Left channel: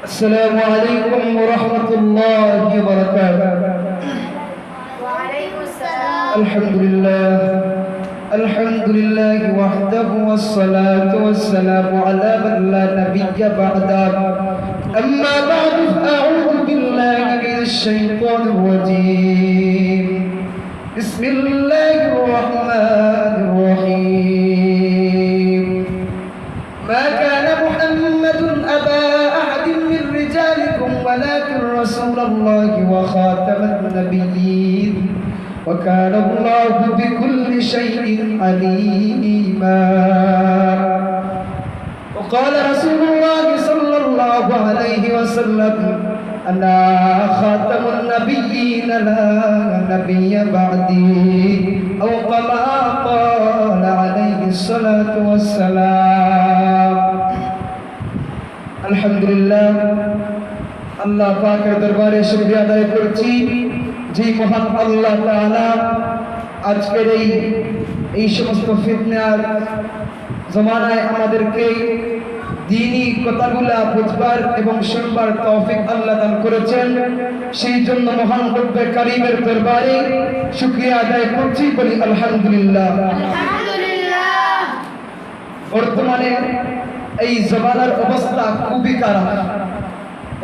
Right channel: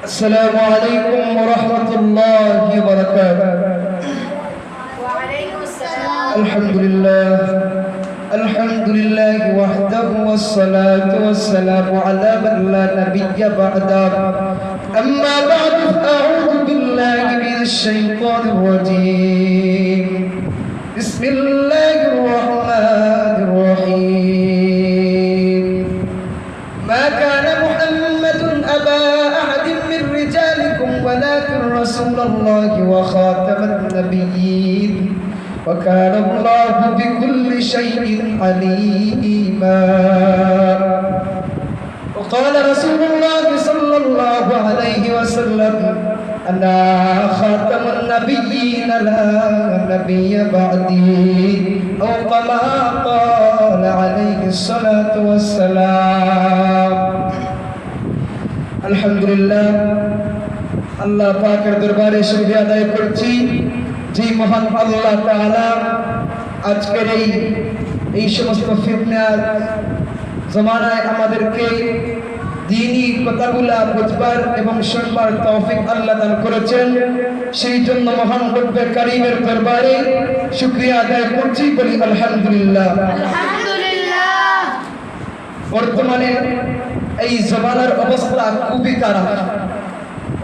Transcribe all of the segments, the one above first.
السلام عليكم ورحمة الله وبركاته. وعليكم السلام. الحمد لله وحده والصلاة والسلام على من لا نبي بعده. أما بعد فأعوذ بالله من الشيطان الرجيم. بسم الله الرحمن الرحيم. ما كان محمد أبا أحد من رجالكم ولكن رسول الله وخاتم النبيين وكان الله بكل شيء عليما. وقال رسول الله صلى الله عليه وسلم أنا خاتم النبيين لا نبي بعدي أو كما قال عليه الصلاة والسلام. আলহামদুলিল্লাহ, আল্লাহ পাকের দরবারে শুকরিয়া আদায় করছি যে মহান আল্লাহ তাআলা আজকের এই সমস্ত ফিতনার জমানায় আমাদেরকে দ্বীনি কথাগুলা বুঝবার এবং শুনবার তৌফিক আল্লাহ দান করেছেন। সেই জন্য মহান রব্বে কারীমের দরবারে শুকরিয়া আদায় করছি, বলি আলহামদুলিল্লাহ। বর্তমানে এই জমানার অবস্থা খুবই খারাপ।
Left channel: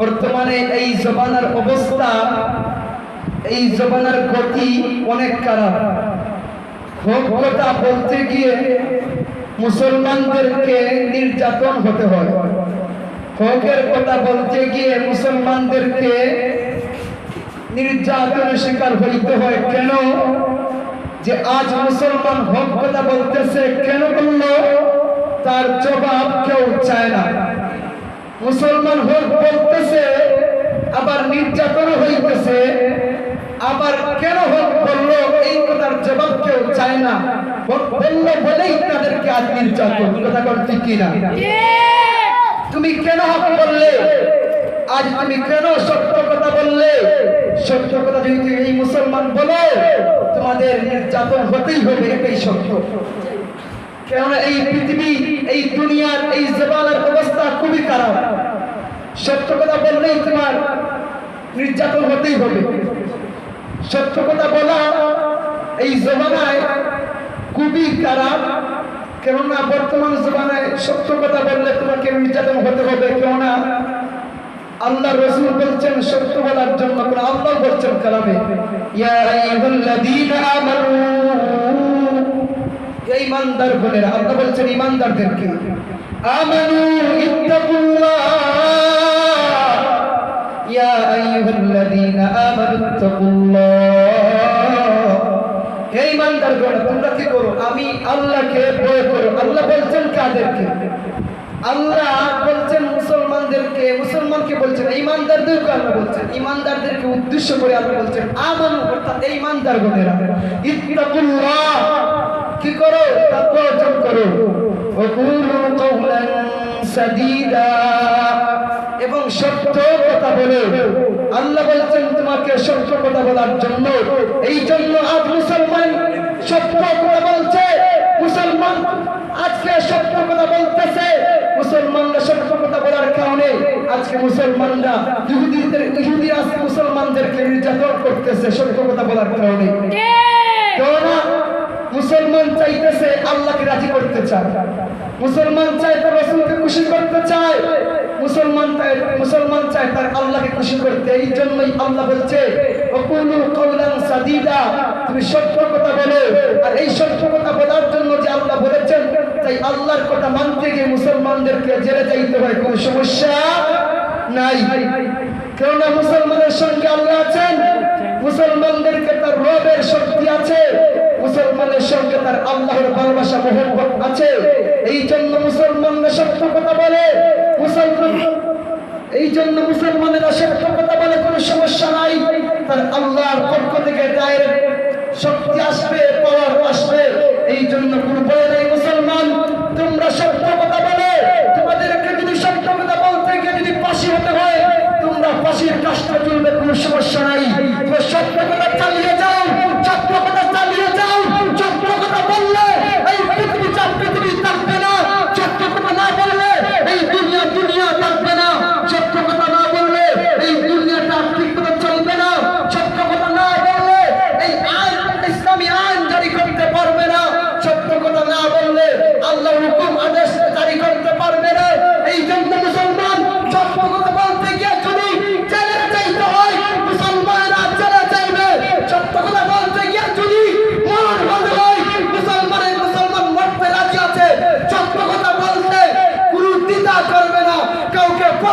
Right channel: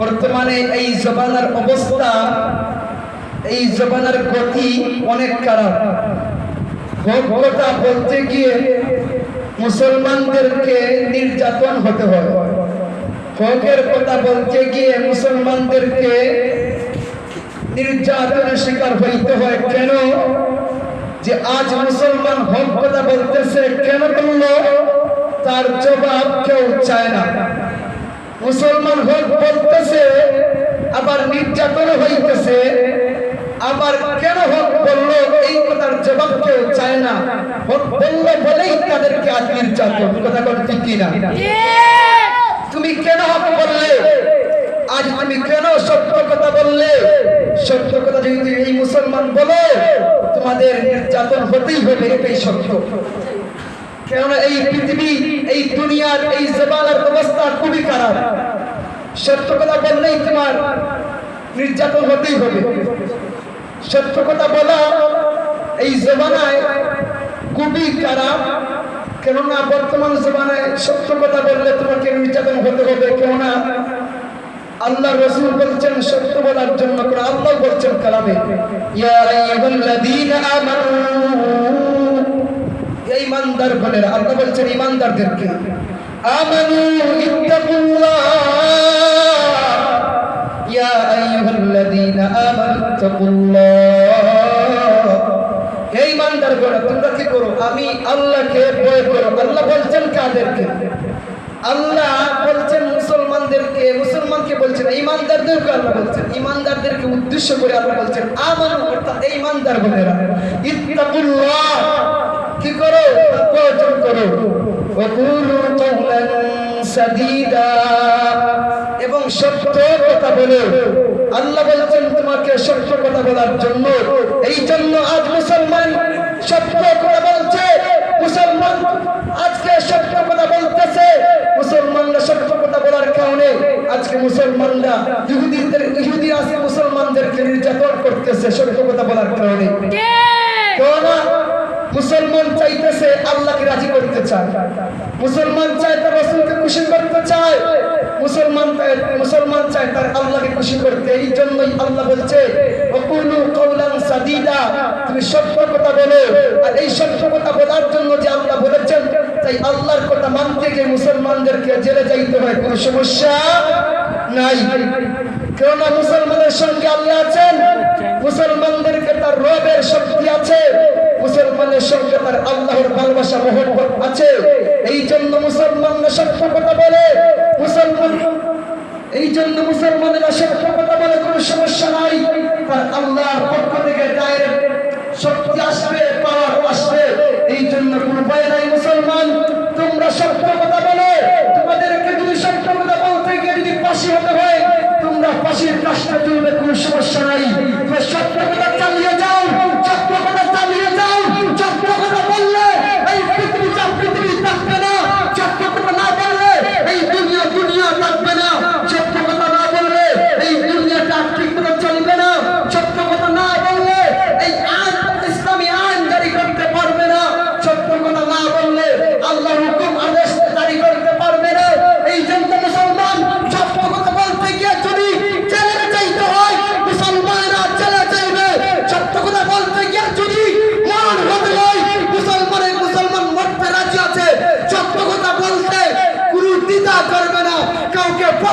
বর্তমানে এই জমানার অবস্থা, এই জমানার গতি অনেক খারাপ। কথা বলতে গিয়ে মুসলমানদেরকে নির্যাতন হতে হয়। হকের কথা বলতে গিয়ে মুসলমানদেরকে নির্যাতনের শিকার হইতে হয়। কেন যে আজ মুসলমান হক কথা বলতেছে, কেন বললো তার জবাব কেউ চায় না। মুসলমান হক বলতেছে আবার নির্যাতন হইতেছে, আবার কেন হক বললো এই কথার জবাব কেউ চায় না। হক বললো বলেই তাদেরকে আজ নির্যাতন। কথা বল ঠিক কিনা? তুমি কেন হক বললে? আজ তুমি কেন সত্য কথা বললে? সত্য কথা যদি তুমি এই মুসলমান বলো, তোমাদের নির্যাতন হতেই হবে, এটাই সত্য। কেননা এই পৃথিবী, এই দুনিয়ার এই জমানার অবস্থা খুবই খারাপ। সত্য কথা বললেই তোমার নির্যাতন হতেই হবে। সত্য কথা বলা এই জমানায় খুবই খারাপ। কেননা বর্তমান জমানায় সত্য কথা বললে তোমাকে নির্যাতন হতে হবে। কেননা আল্লাহ রাসূল বলছেন সত্য বলার জন্য, আল্লাহ বলছেন কালামে, ইয়া আইয়ুহাল্লাযীনা আমানু, ঈমানদার বলেরা, আল্লাহ বলছেন ঈমানদারদেরকে, আমানু ইত্তাকুল্লাহ, ইয়া আইয়ুহাল্লাযীনা আমানু ইত্তাকুল্লাহ। হে ঈমানদার বলেরা, তোমরা কি করো? আমি আল্লাহকে ভয় করো। আল্লাহ বলছেন কাদেরকে? আল্লাহ বলছেন মুসলমানদেরকে, মুসলমানকে বলছেন, ঈমানদারদেরকে আল্লাহ বলছেন, ঈমানদারদেরকে উদ্দেশ্য করে আল্লাহ বলছেন আমানু, অর্থাৎ ঈমানদার বলেরা ইত্তাকুল্লাহ, কি করো? তাকওয়া অর্জন করো। ওয়াকুলু কাওলান সাদীদা, এবং সত্য কথা বলো। আল্লাহ বলেছেন তোমাকে সত্য কথা বলার জন্য। এই জন্য আজ মুসলমান সত্য কথা বলছে, মুসলমান আজকে সত্য কথা বলতেছে। মুসলমানরা সত্য কথা বলার কারণে আজকে মুসলমানরা ইহুদি আজকে মুসলমানদেরকে নির্যাতন করতেছে সত্য কথা বলার কারণে। কেননা মুসলমান চাইতেছে আল্লাহকে রাজি করতে চায়, মুসলমান চায় তার রাসূলকে খুশি করতে চায়, মুসলমান চায় তার আল্লাহকে খুশি করতে। এই জন্যই আল্লাহ বলছে ওয়াকুলু কাওলান সাদীদা, তুমি সত্য কথা বলো। আর এই সত্য কথা বলার জন্য যে আল্লাহ বলেছেন, তাই আল্লাহর কথা মানতে গিয়ে মুসলমানদেরকে জেলে যাইতে হয়, কোনো সমস্যা নাই। কেননা মুসলমানের সঙ্গে আল্লাহ আছেন, মুসলমানদেরকে তার রবের শক্তি আছে, মুসলমানের সঙ্গে তার আল্লাহর ভালোবাসা মহব্বত আছে। এই জন্য মুসলমানরা সত্য কথা বলে, এই জন্য মুসলমানেরা সত্য কথা বলে, কোনো সমস্যা নাই। তার আল্লাহর পক্ষ থেকে ডাইরেক্ট শক্তি আসবে, পাওয়ার আসবে। এই জন্য কোনো ভয় নাই। মুসলমান তোমরা সত্য কথা বলে, তোমাদেরকে যদি সত্য কথা বলতে গিয়ে যদি ফাঁসি হতে হয়, তোমরা ফাঁসির কাজটা চলবে, কোনো সমস্যা নাই। সত্য কথা চালিয়ে যাও, সত্য কথা চালিয়ে যাও। সত্য কথা বললে এই পৃথিবী থাকবে না, সত্য কথা না বললে এই দুনিয়া থাকবে না। সত্য কথা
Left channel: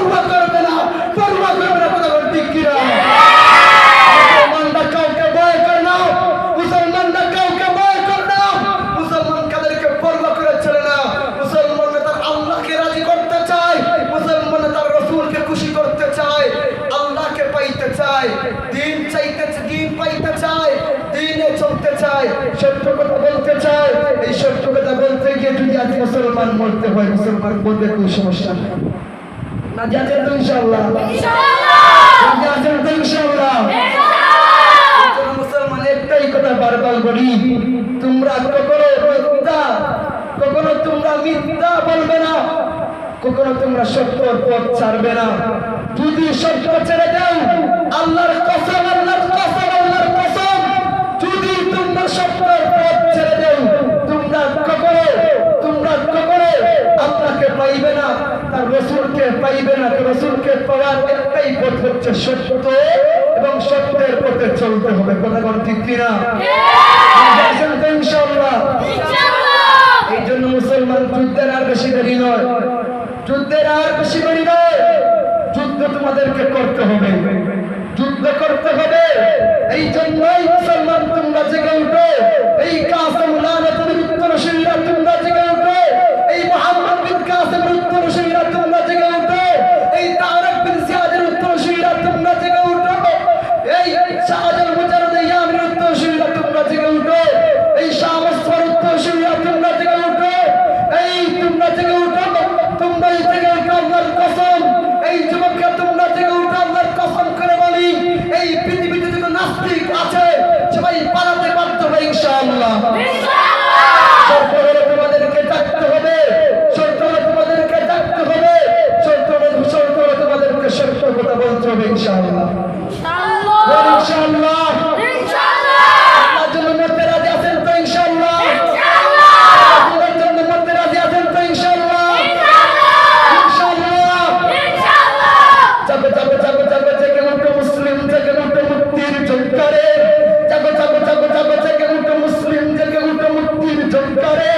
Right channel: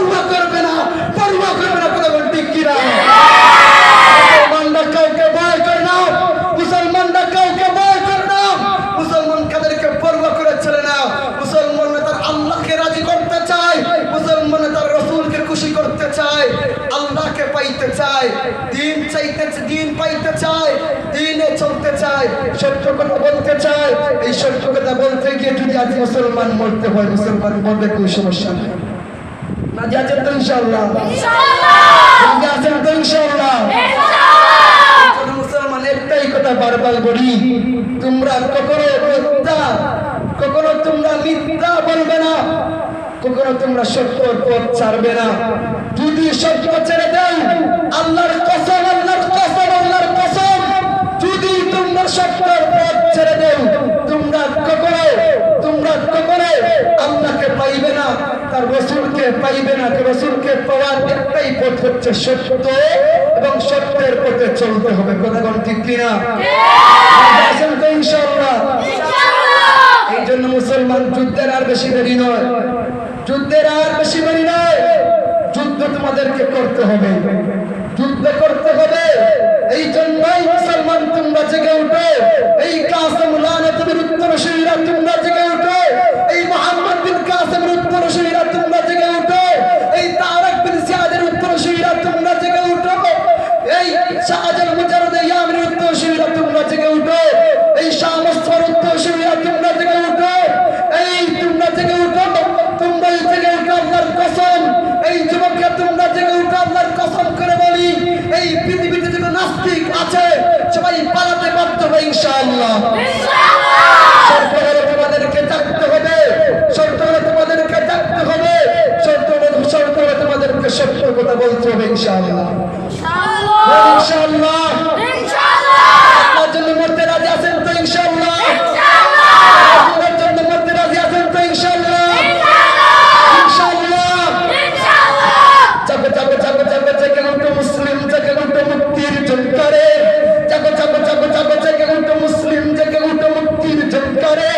পরোয়া করবে না, পরোয়া করবে না, কথা বল ঠিক কিনা? মুসলমানরা কাউকে ভয় করে না, মুসলমানরা কাউকে ভয় করে না, মুসলমান কাদেরকে পরোয়া করে চলে না। মুসলমানরা তার আল্লাহকে রাজি করতে চায়, মুসলমানরা তার রাসূলকে খুশি করতে চায়, আল্লাহকে পাইতে চায়, দিন চাইতে, দিন পাইতে চায়, দিনে চলতে চায়, সত্য কথা বলতে চায়। এই সত্য কথা বলতে গিয়ে যদি আজ মুসলমান মরতে হয়, মুসলমান মরবে, কোনো সমস্যা নেই। না যাচ্ছেন তো ইনশাআল্লাহ, যাচ্ছেন তো ইনশাআল্লাহ। মুসলমান একটাই কথা বারবার বলি, তোমরা কখনো তোমরা মিথ্যা বলবে না, কখনো তোমরা সত্যর পথ ছাড়বে না। যদি সত্য ছেড়ে দাও, আল্লাহর কসম, আল্লাহর কসম, আল্লাহর কসম, যদি তোমরা সত্যর পথ ছেড়ে দাও, তোমরা কখনো আল্লাহকে পাইবে না, তার রাসূলকে পাইবে না। রাসূলকে পাওয়ার একটাই পথ হচ্ছে সত্য, এবং সত্যের পথে চলতে হবে। কথা কোন ঠিক কিনা? ইনশাআল্লাহ। এই জন্য মুসলমান যুদ্ধের আর বেশি দেরি নয়, যুদ্ধের আর বেশি দেরি নয়। যুদ্ধ তোমাদেরকে করতে হবে, যুদ্ধ করতে হবে। এই জন্যই মুসলমান তোমরা জেগে উঠো, এই কাসেম লানতের উত্তরসূরিরা তোমরা জেগে উঠো, এই মুহাম্মদ বিন কাসেমের উত্তরসূরিরা তোমরা জেগে উঠো, এই তারেক বিন জিয়াদের উত্তরসূরিরা তোমরা জেগে উঠো, এই শাহজালাল মুজাহিদ ইয়ামিনের উত্তরসূরিরা তোমরা জেগে উঠো, এই শাহ মুস্তাফার উত্তরসূরিরা তোমরা জেগে উঠো, এই তোমরা জেগে উঠো, তোমরা জেগে উঠো। আল্লাহর কসম, এই যুবকরা তোমরা জেগে উঠো, আল্লাহর কসম করে বলি, এই পৃথিবীতে যত নাস্তিক আছে সবাই পালাতে বাধ্য হবে ইনশাআল্লাহ। শর্ত হলো তোমাদেরকে ডাকতে হবে, শর্ত হলো তোমাদেরকে ডাকতে হবে, শর্ত হলো তোমাদেরকে সত্য কথা বলতে হবে ইনশাআল্লাহ, ইনশাআল্লাহ। আল্লাহর জন্য মরতে রাজি আছেন তো ইনশাআল্লাহ? আল্লাহর জন্য মরতে রাজি আছেন তো ইনশাআল্লাহ? ইনশাআল্লাহ। যাবে যাবে যাবে যাবে জেগে উঠো মুসলিম, জেগে উঠো মুক্তির ঝংকারে, যাবে যাবে যাবে যাবে জেগে উঠো মুসলিম, জেগে উঠো মুক্তির ঝংকারে।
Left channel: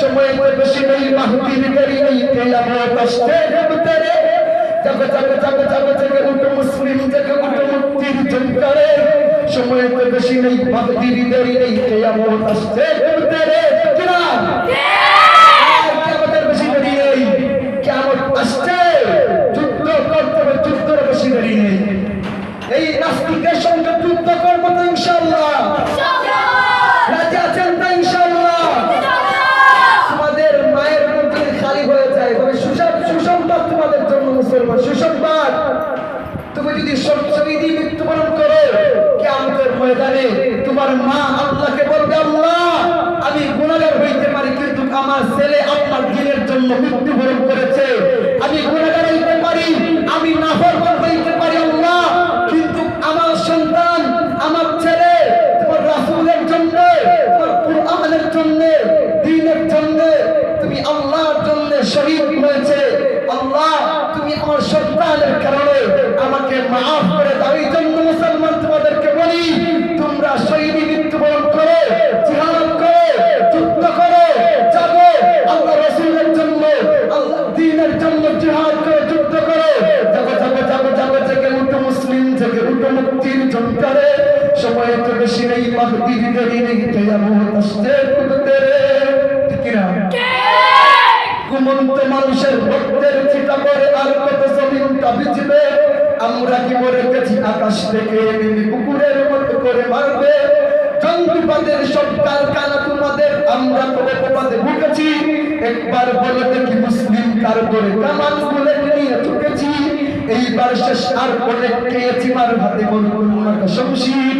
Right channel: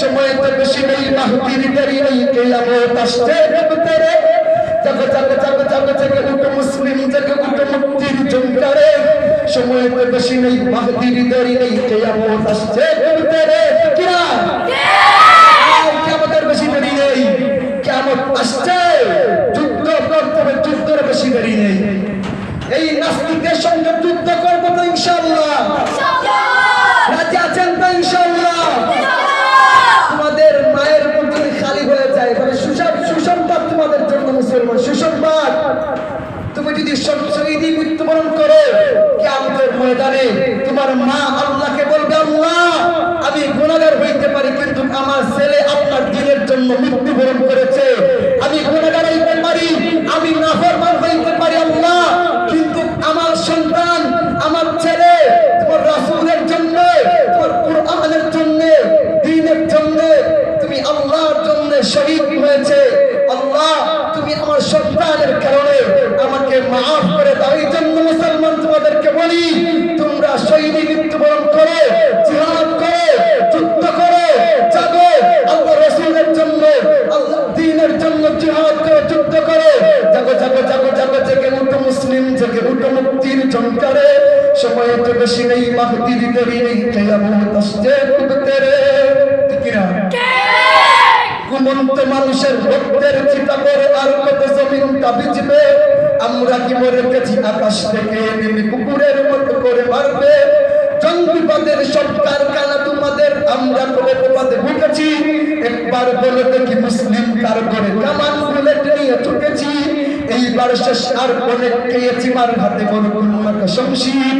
সময় তো বেশি নেই, মাহদির দেরি নেই, কিয়ামত আসছে তেরে। যাবে যাবে যাবে যাবে জেগে উঠো মুসলিম, জেগে উঠো মুক্তির ঝংকারে। সময় তো বেশি নেই, মাহদির দেরি নেই, কিয়ামত আসছে তেরে। কিরা কিয়ামতের বেশি দেরি নেই, কিয়ামত আসছে। যুদ্ধ করতে হবে, যুদ্ধের বেশি দেরি নেই। এই নাস্তিকের সঙ্গে যুদ্ধ করবো তো ইনশাআল্লাহ? রাজি আছেন তো ইনশাআল্লাহ? তোমাদের মায়ের মুখ যদি খালি হয়ে যায়, মানে সুসংবাদ তোমাদের জন্য মুসলমান, সুসংবাদ। তুমি যদি শহীদি মৃত্যুবরণ করো, কিয়ামতের ময়দানে তোমার মা আল্লাহকে বলবে, আল্লাহ আমি গুনাহগার হইতে পারি, কিন্তু আমার ছেলে আপনার দ্বীনের জন্য মৃত্যুবরণ করেছে। আমি গুনাহগার হইতে পারি, আমি নাফরমান হইতে পারি আল্লাহ, কিন্তু আমার সন্তান, আমার ছেলে তোমার রাসূলের জন্য, তোমার কুরআনের জন্য, দ্বীনের জন্য, তুমি আল্লাহর জন্য শহীদ হয়েছে। আল্লাহ তুমি আমার সন্তানের কারণে আমাকে মাফ করে দাও। এই জন্য মুসলমান তোমাদেরকে বলি, তোমরা শহীদি মৃত্যুবরণ করো, জিহাদ করো, যুদ্ধ করো, জাগো, আল্লাহ রাসূলের জন্য, আল্লাহ দ্বীনের জন্য জিহাদ করো, যুদ্ধ করো। জাগো জাগো জাগো জাগো, জেগে উঠো মুসলিম, জেগে উঠো মুক্তির ঝংকারে। সময় তো বেশি নেই, মাহদির দেরি নেই, কিয়ামত আসছে তেরে। ঠিক না? ঘুমন্ত মানুষের ভক্তের চিতা করে আর কত জমিনটা ভিজবে। আমরা কি মরে গেছি আকাশ থেকে নেমে কুকুরের মতো করে মারবে। জঙ্গিবাদের সব কারখানা তোমাদের, আমরা করে তোমাদের ভুগেছি। একবার বলে দেখি মুসলিম কার করে কামান বুলেট নিয়ে ছুটেছি। এইবার শেষ, আর অনেক খেয়েছি মার হাতে মরুন শমশির।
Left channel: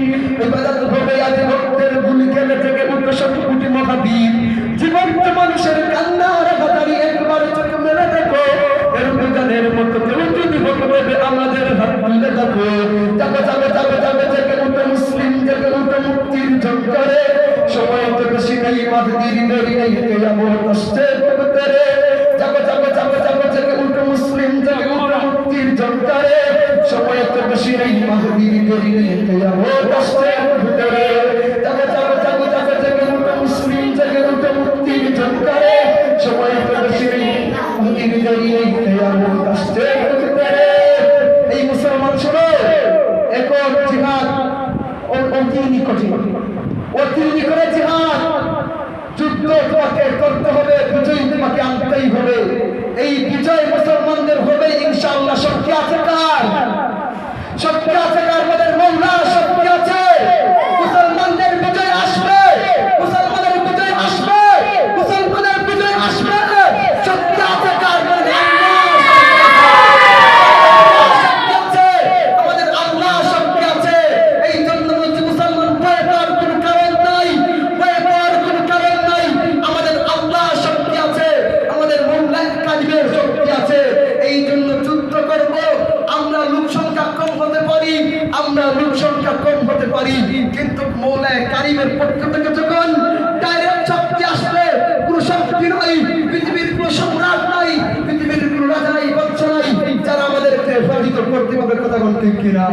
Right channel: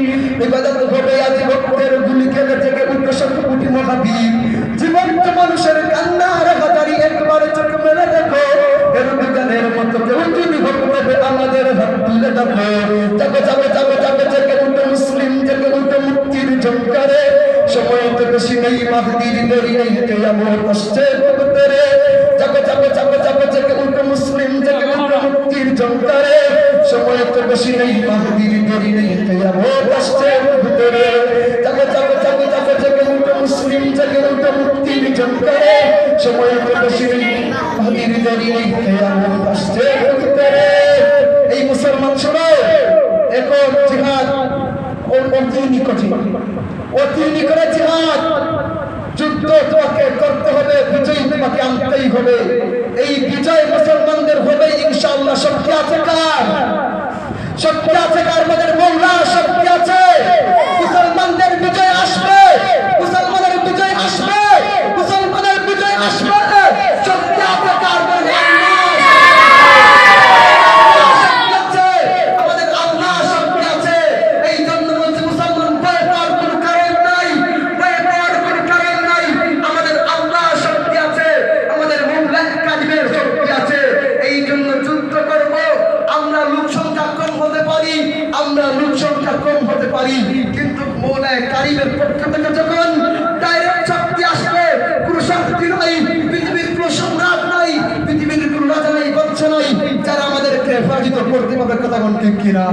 ইবাদত হবে আজ ভক্তের গুলি খেলে থেকে উঠো সব কোটি মহাবীর। জীবন্ত মানুষের কান্না রাখাতারি একবার চোখ মেলে দেখো। এর দোকানের মতো কেউ যদি হবে আমাদের হাত তুলে দেখো। যাবে যাবে যাবে যাবে জেগে উঠো মুসলিম, জেগে উঠো মুক্তির ঝংকারে। সময় তো বেশি নেই, মাহদির দেরি নেই, কিয়ামত আসছে তেরে। যাবে যাবে যাবে যাবে জেগে উঠো মুসলিম, জেগে উঠো মুক্তির ঝংকারে। সময় তো বেশি নেই, মাহদির দেরি নেই, কিয়ামত আসছে তেরে। যাবে যাবে যাবে যাবে জেগে উঠো মুসলিম, জেগে উঠো মুক্তির ঝংকারে। সময় তো বেশি নেই, মাহদির দেরি নেই, কিয়ামত আসছে তেরে। হবে, এই বিজয় মুসলমানদের হবে ইনশাআল্লাহ। শক্তি আছে কার? শক্তি আছে কার? আমাদের মওলার শক্তি আছে। মুসলমানদের বিজয় আসবে, মুসলমানের বিজয় আসবে, মুসলমানের বিজয় আসবে। শক্তি আছে কার? বলে শক্তি আছে, আমাদের আল্লাহ শক্তি আছে। এই জন্য বলছি মুসলমান ভয় পাওয়ার কোনো কারণ নাই, ভয় পাওয়ার কোনো কারণ নাই। আমাদের আল্লাহ শক্তি আছে, আমাদের মওলা কাদিমের শক্তি আছে। এই জন্য যুদ্ধ করব। আমরা লোক সংখ্যা কম হতে পারি, আমরা লোক সংখ্যা কম হতে পারি, কিন্তু মওলা কারিমের পক্ষ থেকে যখন ডাইরেক্ট শক্তি আসবে, কোনো শক্তি নাই, পৃথিবীর কোনো সম্রাট নাই, পৃথিবীর কোনো রাজা নাই, বাদশা নাই, যারা আমাদেরকে পরাজিত করতে পারবে। কথা কোন ঠিক কিনা?